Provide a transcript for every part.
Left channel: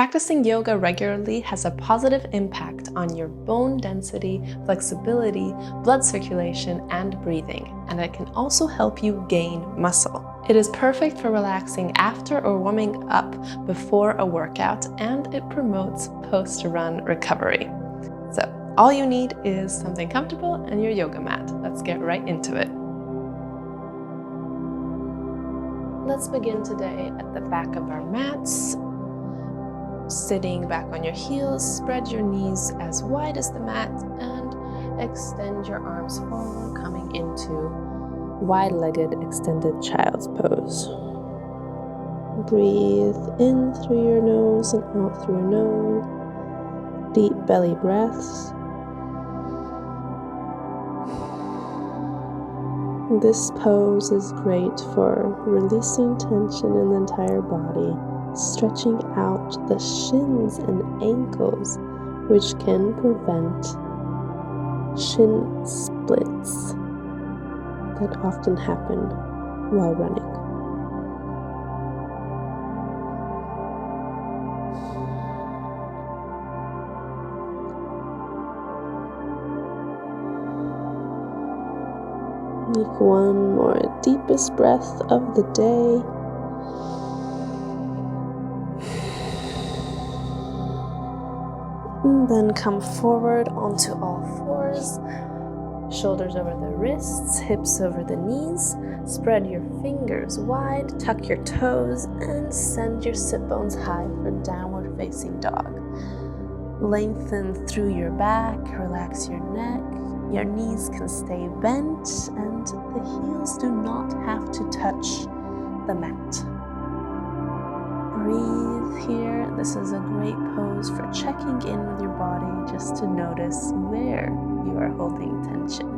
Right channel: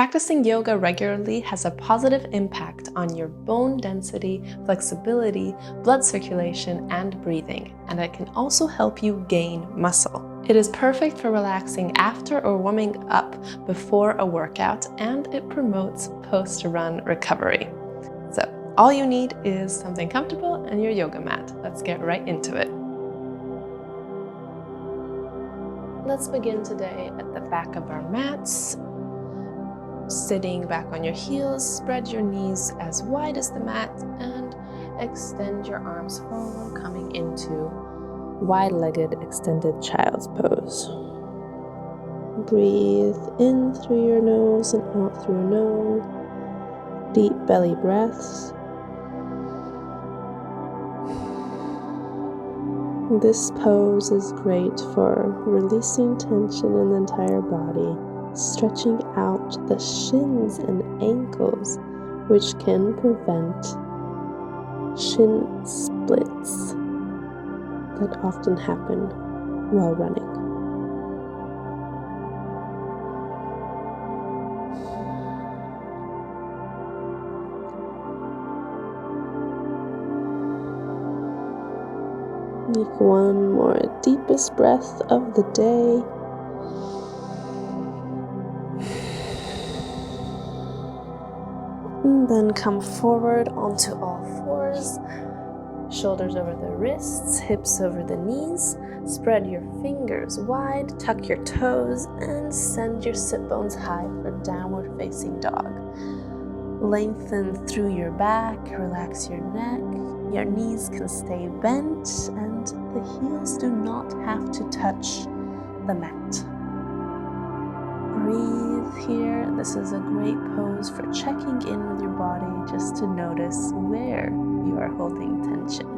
Practicing yoga regularly has a positive impact on your bone density, flexibility, blood circulation, and breathing, and it can also help you gain muscle. It is perfect for relaxing after or warming up before a workout, and it promotes post-run recovery. So all you need is something comfortable and your yoga mat. Let's get right into it. Let's begin today at the back of our mats. Sitting back on your heels, spread your knees as wide as the mat and extend your arms forward, coming into wide-legged extended child's pose. Breathe in through your nose and out through your nose. Deep belly breaths. This pose is great for releasing tension in the entire body, stretching out the shins and ankles, which can prevent shin splits that often happen while running. Take one more deepest breath of the day. And then come forward onto all fours. Shoulders over the wrists, hips over the knees. Spread your fingers wide, tuck your toes, and send your sit bones high for downward facing dog. Lengthen through your back, relax your neck. Your knees can stay bent, and the heels do not have to touch the mat. Breathe here. This is a great pose for checking in with your body, just to notice where you are holding tension.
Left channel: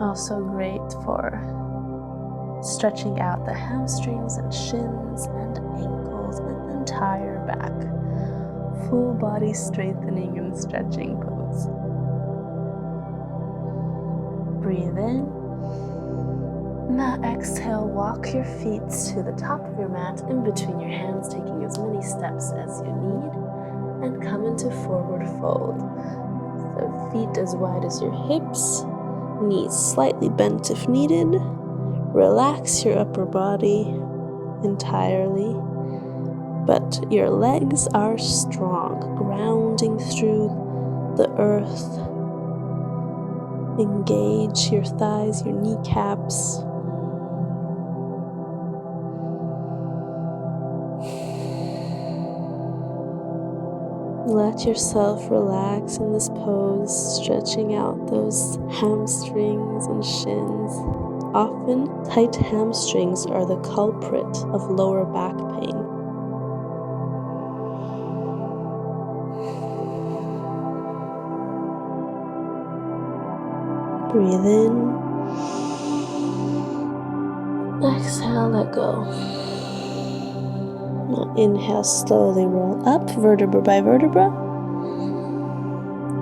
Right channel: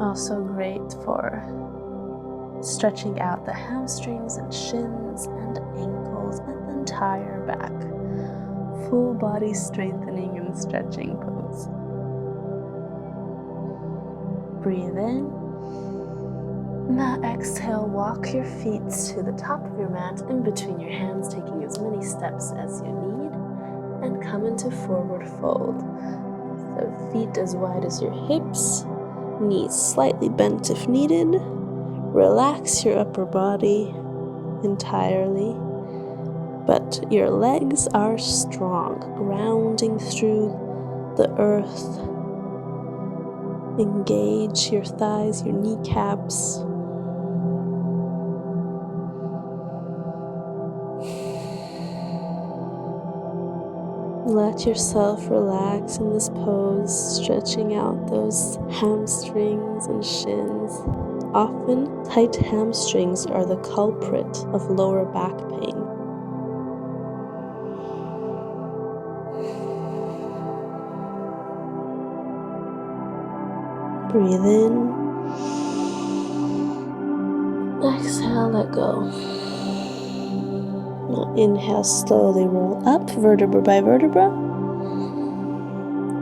Also great for stretching out the hamstrings and shins and ankles and the entire back. Full body strengthening and stretching pose. Breathe in. Now exhale, walk your feet to the top of your mat in between your hands, taking as many steps as you need, and come into forward fold. So feet as wide as your hips, knees slightly bent if needed. Relax your upper body entirely, but your legs are strong, grounding through the earth. Engage your thighs, your kneecaps. Let yourself relax in this pose, stretching out those hamstrings and shins. Often, tight hamstrings are the culprit of lower back pain. Breathe in. Exhale, let go. Now inhale, slowly roll up, vertebra by vertebra.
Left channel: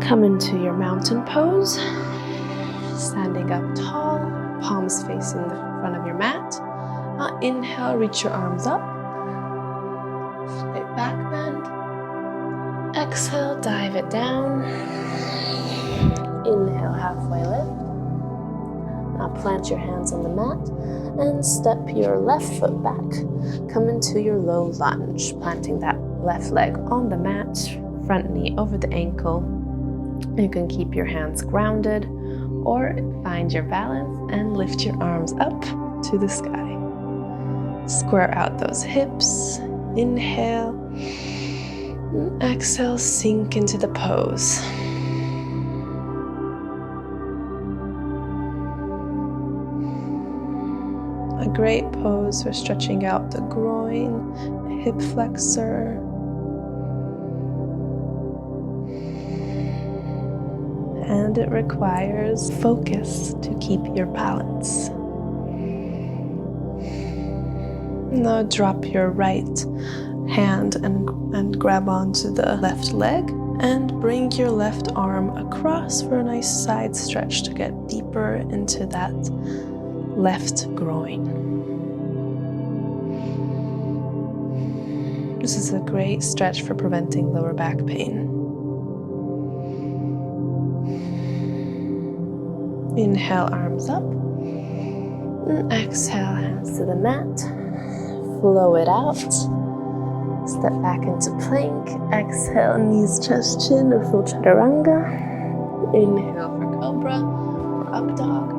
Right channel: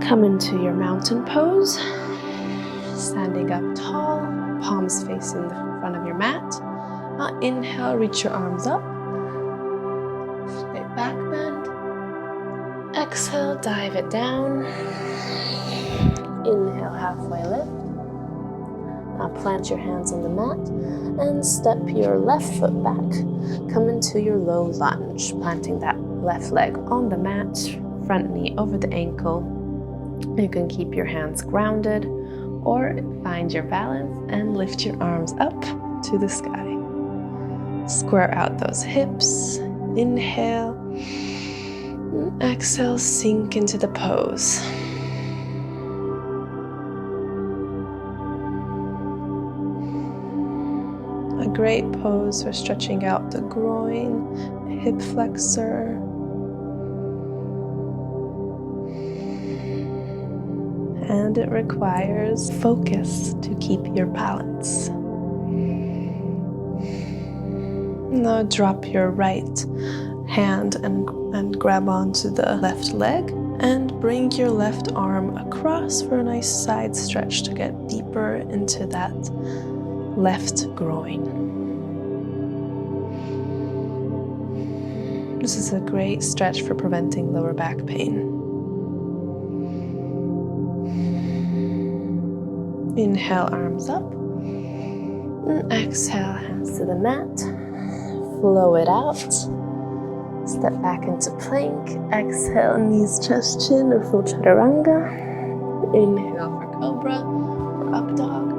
Come into your mountain pose. Standing up tall, palms facing the front of your mat. Now inhale, reach your arms up. Straight back bend. Exhale, dive it down. Inhale, halfway lift. Now plant your hands on the mat and step your left foot back. Come into your low lunge, planting that left leg on the mat, front knee over the ankle. You can keep your hands grounded or find your balance and lift your arms up to the sky. Square out those hips. Inhale. Exhale, sink into the pose. A great pose for stretching out the groin, the hip flexor. And it requires focus to keep your balance. Now drop your right hand and grab onto the left leg And bring your left arm across for a nice side stretch to get deeper into that left groin. This is a great stretch for preventing lower back pain. Inhale, arms up. And exhale, hands to the mat. Flow it out. Step back into plank. Exhale, knees, chest, chin, or full chaturanga. Inhale for cobra or up dog.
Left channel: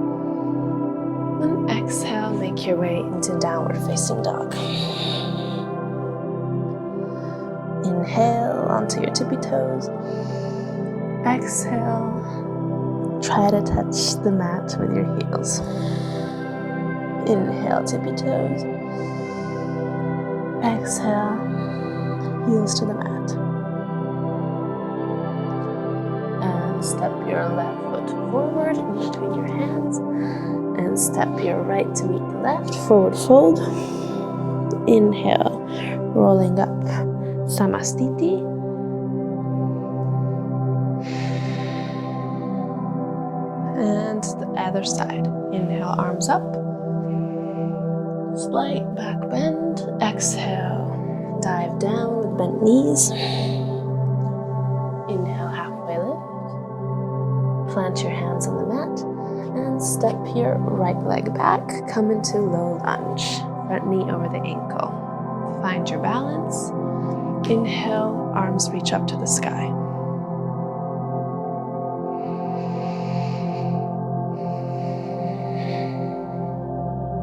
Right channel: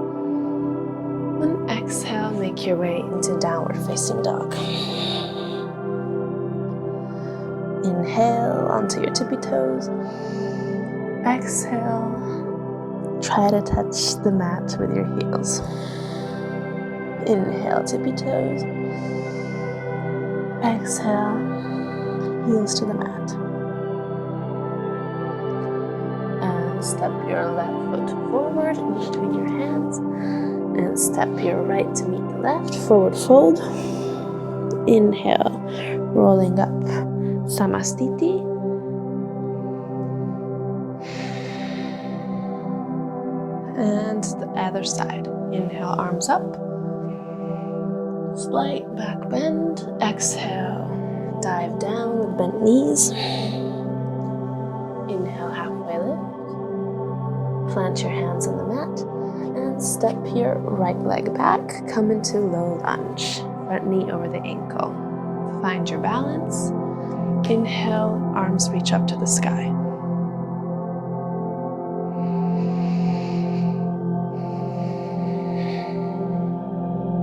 And exhale, make your way into downward facing dog. Inhale onto your tippy toes. Exhale, try to touch the mat with your heels. Inhale, tippy toes. Exhale, heels to the mat. And step your left foot forward in between your hands. And step your right to meet the left. Forward fold. Inhale, rolling up. Samastiti. And the other side. Inhale, arms up. Slight back bend. Exhale, dive down with bent knees. Inhale, halfway lift. Plant your hands on the mat and step your right leg back. Come into low lunge. Front knee over the ankle. Find your balance. Inhale, arms reach up to the sky.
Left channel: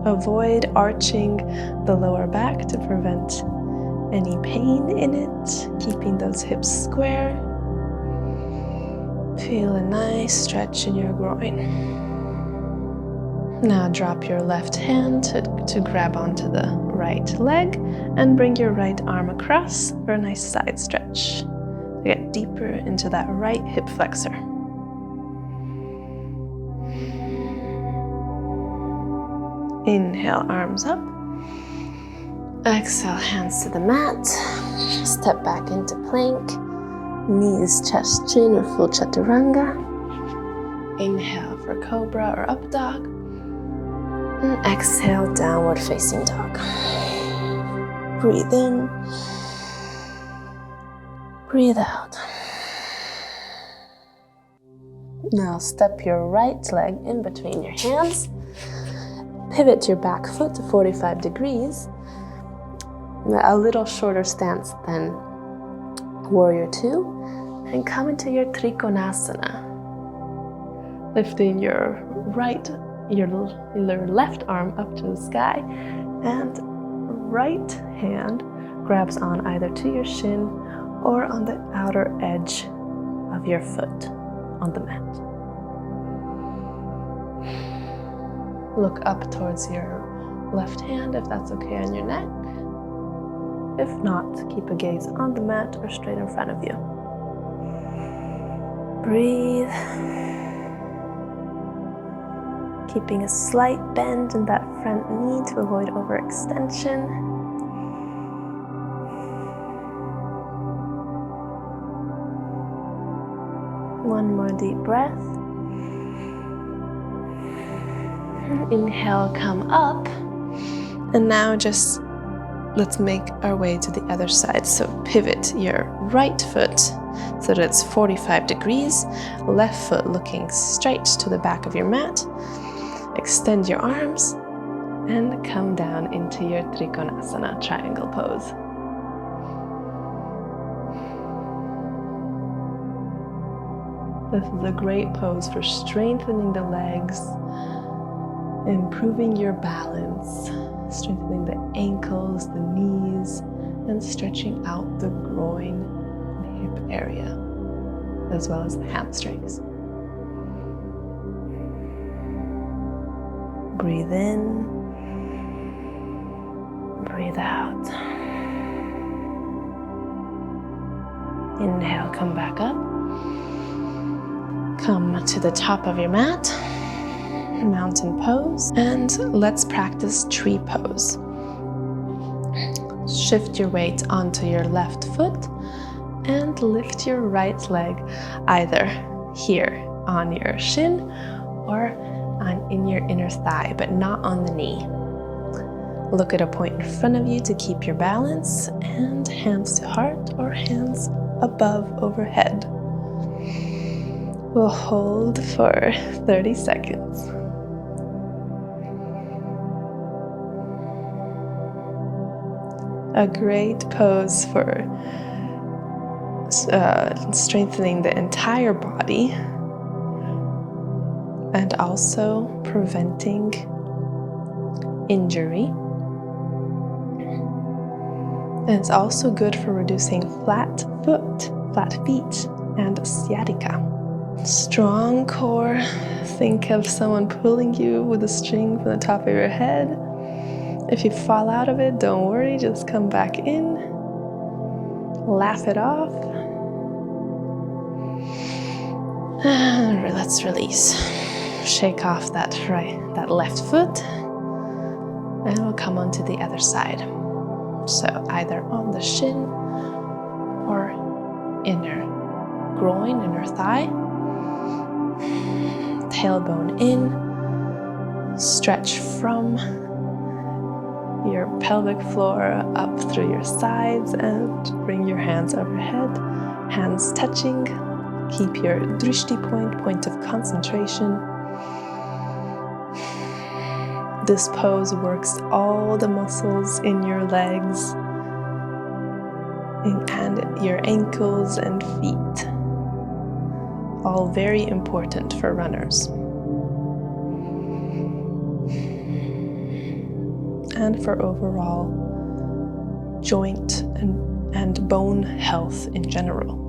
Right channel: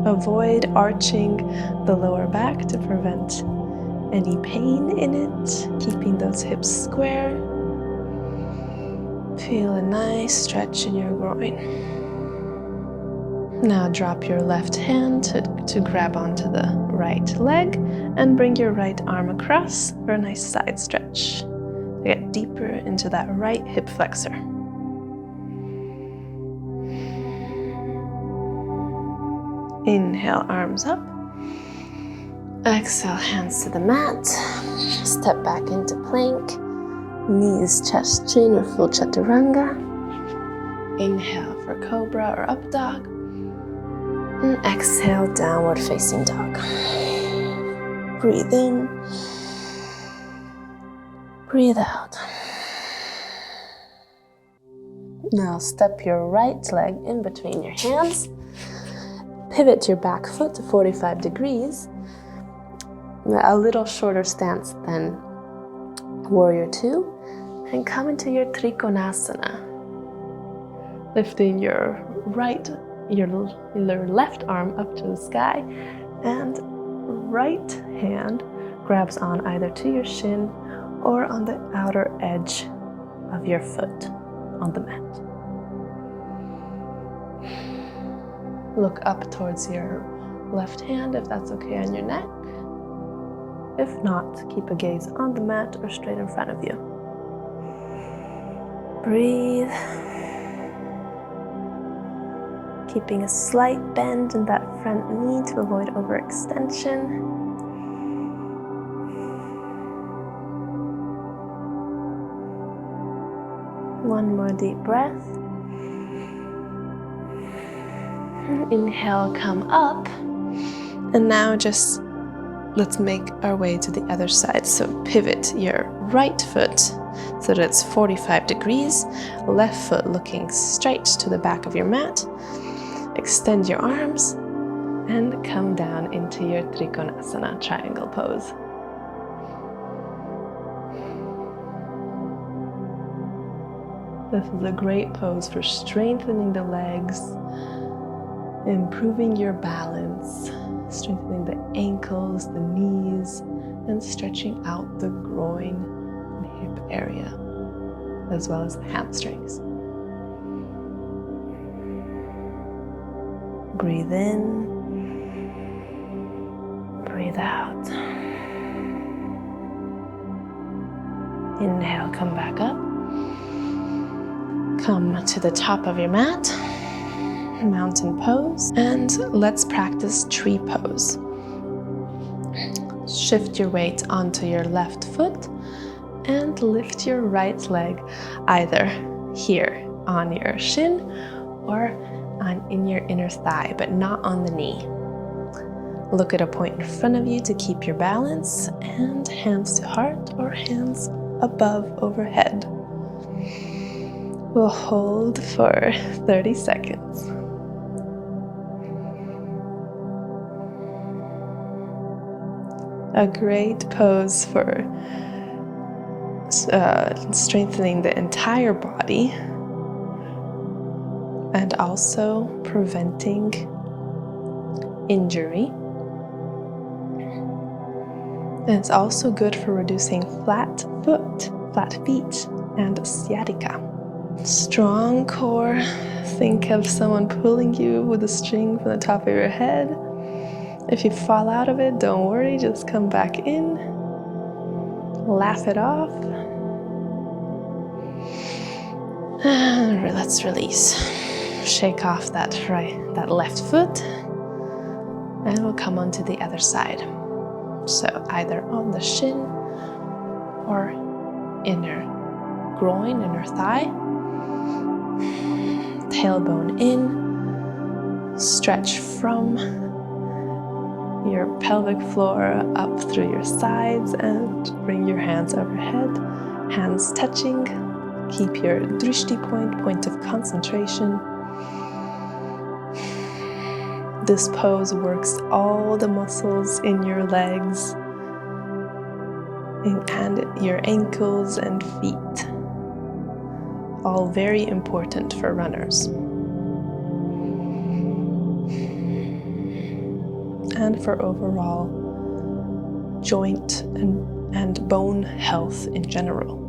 Avoid arching the lower back to prevent any pain in it, keeping those hips square. Feel a nice stretch in your groin. Now drop your left hand to grab onto the right leg and bring your right arm across for a nice side stretch to get deeper into that right hip flexor. Inhale, arms up. Exhale, hands to the mat. Step back into plank. Knees, chest, chin, or full chaturanga. Inhale for cobra or up dog. And exhale, downward facing dog. Breathe in. Breathe out. Now step your right leg in between your hands. Pivot your back foot to 45 degrees. A little shorter stance than Warrior 2. And come into your Trikonasana. Lifting your left arm up to the sky. And right hand grabs on either to your shin or on the outer edge of your foot on the mat. Look up towards your left hand if that's okay on your neck. If not, keep a gaze on the mat or straight in front of you. Breathe. Keeping a slight bend in that front knee to avoid overextension. One more deep breath. Inhale, come up. And now just let's make our way to the other side. So pivot your right foot so that it's 45 degrees. Left foot looking straight to the back of your mat. Extend your arms and come down into your Trikonasana triangle pose. This is a great pose for strengthening the legs, improving your balance, strengthening the ankles, the knees, and stretching out the groin and hip area, as well as the hamstrings. Breathe in, breathe out. Inhale, come back up. Come to the top of your mat, mountain pose, and let's practice tree pose. Shift your weight onto your left foot and lift your right leg either here on your shin or in your inner thigh, but not on the knee. Look at a point in front of you to keep your balance, and hands to heart or hands above overhead. We'll hold for 30 seconds. A great pose for strengthening the entire body and also preventing injury. And it's also good for reducing flat feet, and sciatica. Strong core. Think of someone pulling you with a string from the top of your head. If you fall out of it, don't worry, just come back in. Laugh it off. And let's release. Shake off that left foot, and we'll come onto the other side. So either on the shin or inner groin, inner thigh. Tailbone in. Stretch from your pelvic floor up through your sides and bring your hands overhead. Hands touching. Keep your drishti point of concentration. This pose works all the muscles in your legs and your ankles and feet. All very important for runners. And for overall joint and bone health in general.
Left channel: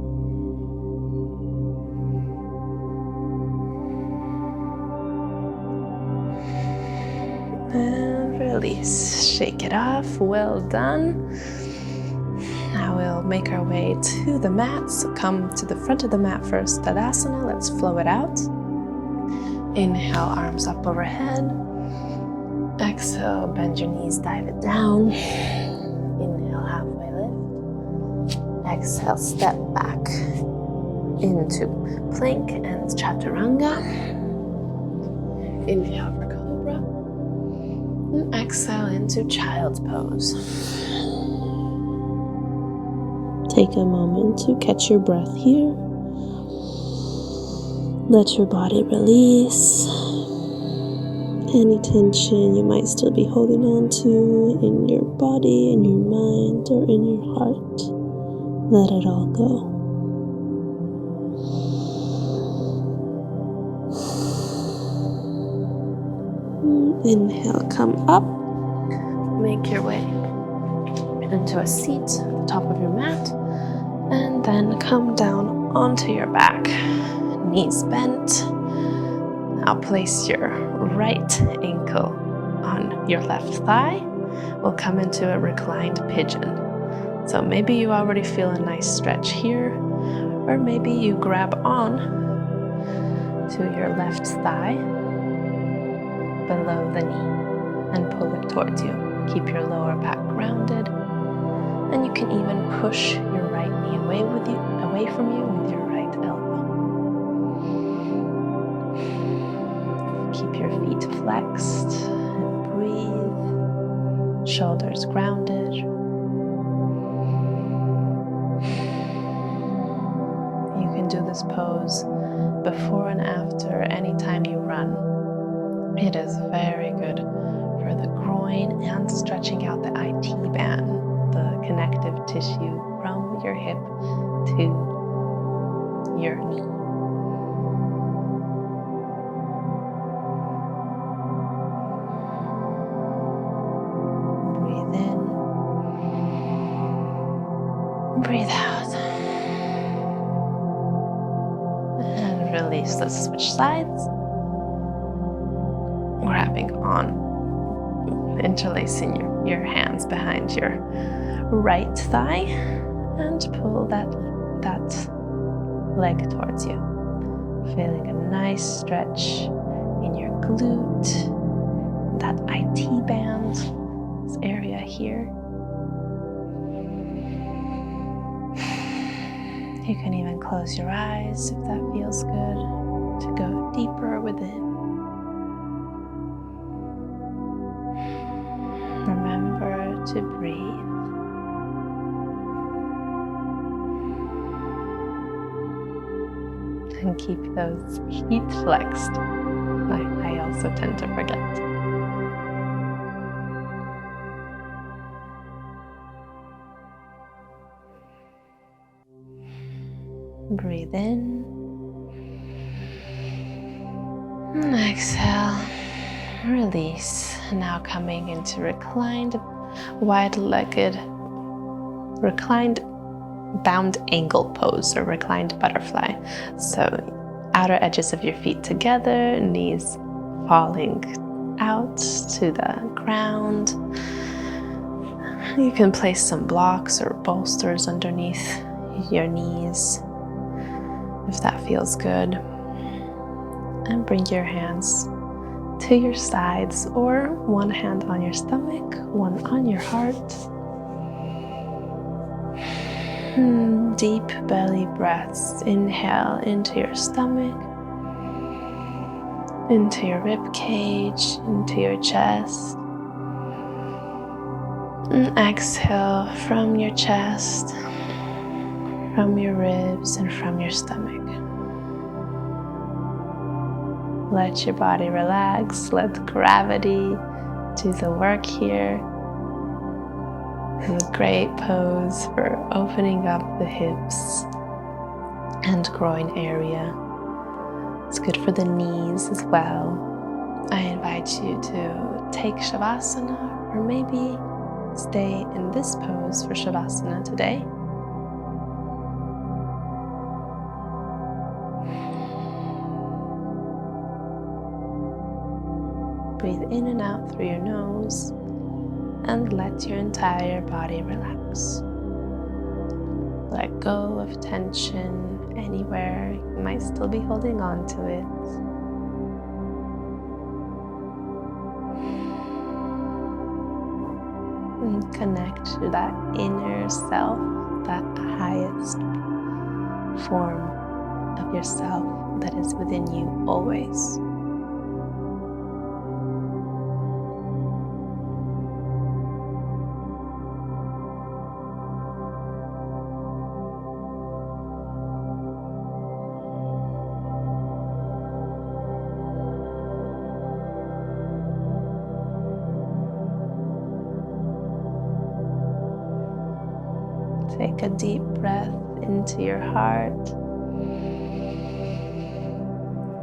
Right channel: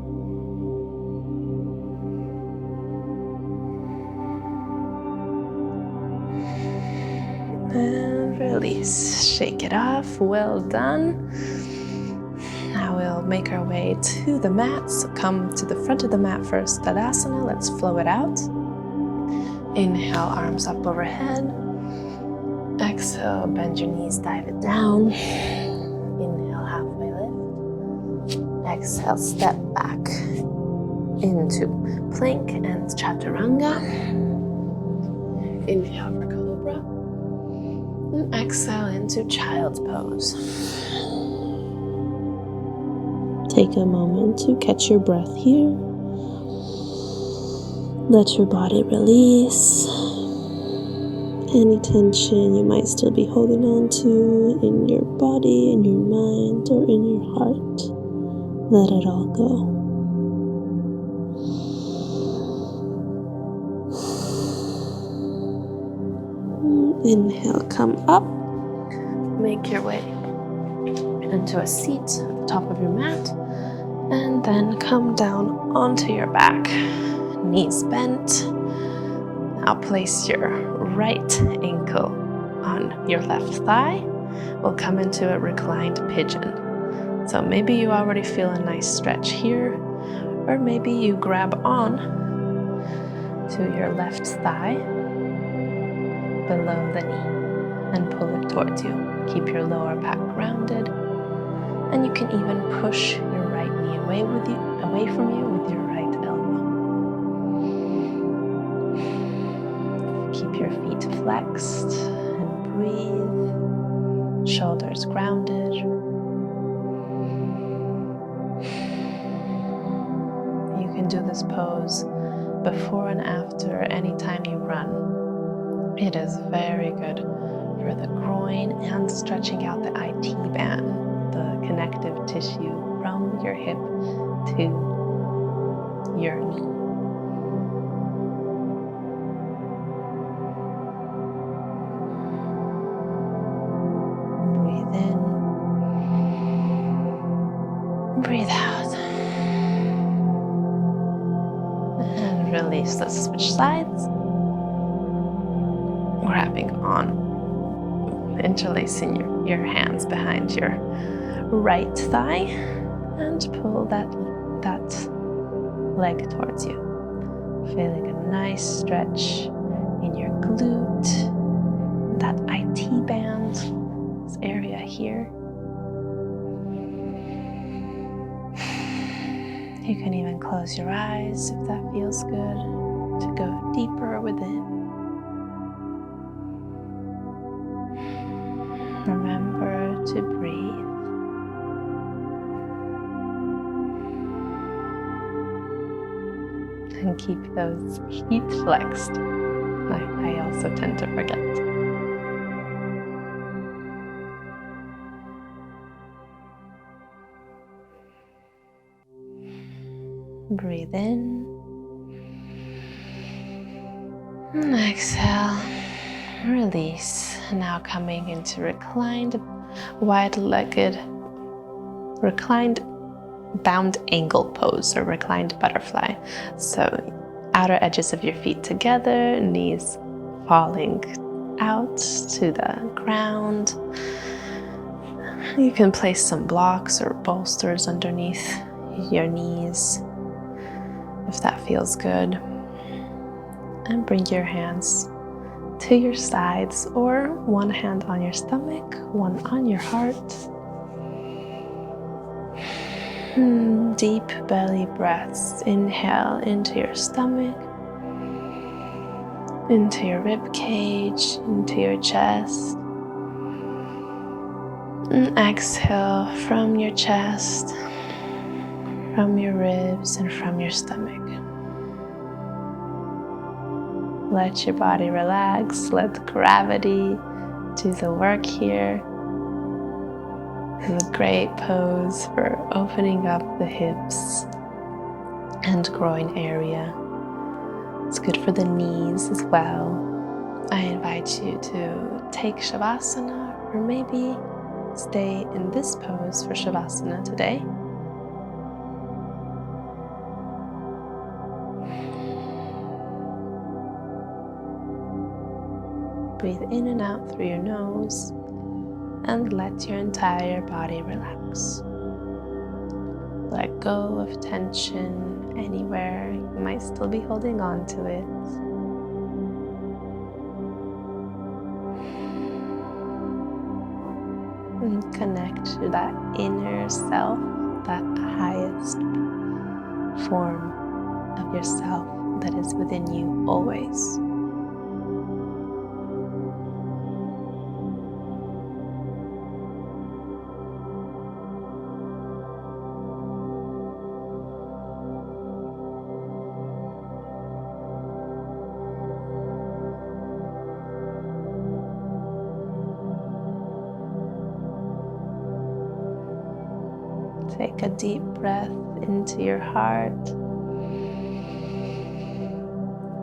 And release. Shake it off. Well done. Now we'll make our way to the mat. So come to the front of the mat first, Tadasana. Let's flow it out. Inhale, arms up overhead. Exhale, bend your knees, dive it down. Inhale, halfway lift. Exhale, step back into plank and chaturanga. Inhale for cobra. And exhale into child's pose. Take a moment to catch your breath here. Let your body release any tension you might still be holding on to in your body, in your mind, or in your heart. Let it all go. Inhale, come up. Make your way into a seat at the top of your mat. And then come down onto your back. Knees bent. Now place your right ankle on your left thigh. We'll come into a reclined pigeon. So maybe you already feel a nice stretch here, or maybe you grab on to your left thigh below the knee and pull it towards you. Keep your lower back grounded, and you can even push your right knee away from you with your right elbow. Keep your feet flexed and breathe. Shoulders grounded. You can do this pose before and after anytime you run. It is very good for the groin and stretching out the IT band, the connective tissue from your hip to your knee. Breathe in, breathe out, and release. Let's switch sides. Grabbing on, interlacing your hands behind your right thigh and pull that leg towards you. Feeling a nice stretch in your glute, that IT band, this area here. You can even close your eyes if that feels good, to go deeper within. Remember to breathe. And keep those feet flexed. I also tend to forget. Breathe in. And exhale. Release. Now coming into reclined, wide-legged, reclined bound angle pose or reclined butterfly. So outer edges of your feet together, knees falling out to the ground. You can place some blocks or bolsters underneath your knees if that feels good. And bring your hands to your sides, or one hand on your stomach, one on your heart. Deep belly breaths. Inhale into your stomach, into your rib cage, into your chest. And exhale from your chest, from your ribs, and from your stomach. Let your body relax. Let gravity do the work here. It's a great pose for opening up the hips and groin area. It's good for the knees as well. I invite you to take Shavasana, or maybe stay in this pose for Shavasana today. Breathe in and out through your nose and let your entire body relax. Let go of tension anywhere you might still be holding on to it. And connect to that inner self, that highest form of yourself that is within you always. Take a deep breath into your heart.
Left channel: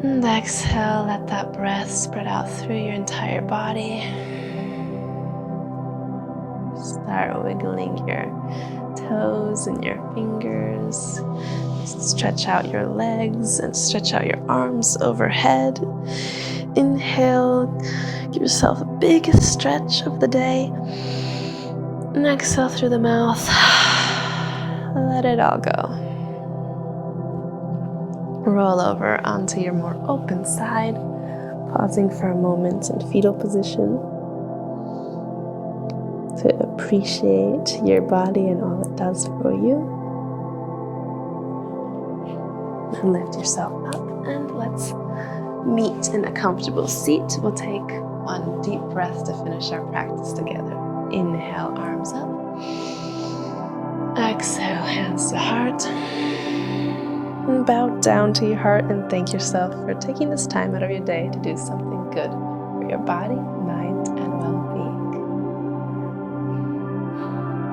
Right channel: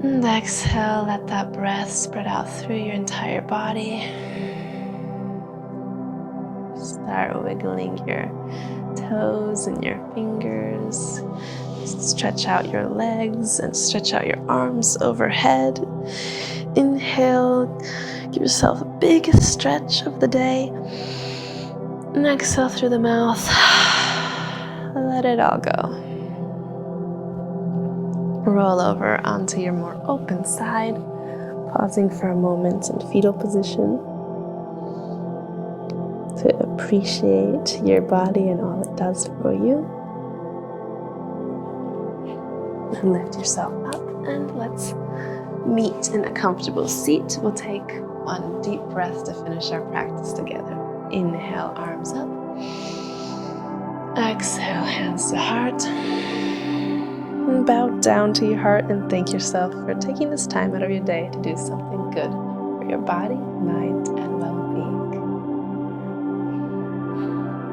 And exhale, let that breath spread out through your entire body. Start wiggling your toes and your fingers. Stretch out your legs and stretch out your arms overhead. Inhale, give yourself the biggest stretch of the day. And exhale through the mouth. Let it all go. Roll over onto your more open side, pausing for a moment in fetal position to appreciate your body and all it does for you. And lift yourself up, and let's meet in a comfortable seat. We'll take one deep breath to finish our practice together. Inhale, arms up. Exhale, hands to heart. And bow down to your heart and thank yourself for taking this time out of your day to do something good for your body, mind, and well-being.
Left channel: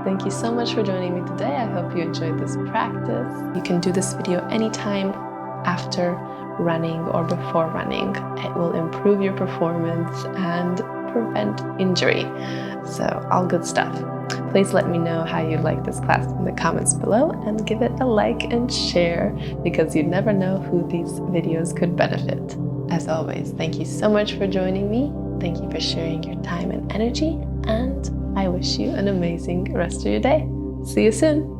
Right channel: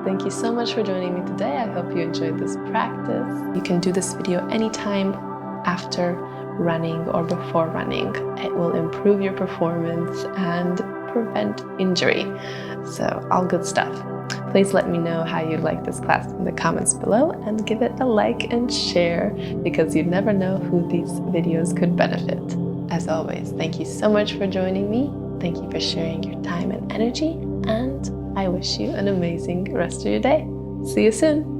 Thank you so much for joining me today. I hope you enjoyed this practice. You can do this video anytime after running or before running. It will improve your performance and prevent injury. So all good stuff. Please let me know how you like this class in the comments below and give it a like and share, because you never know who these videos could benefit. As always, thank you so much for joining me. Thank you for sharing your time and energy, and I wish you an amazing rest of your day. See you soon.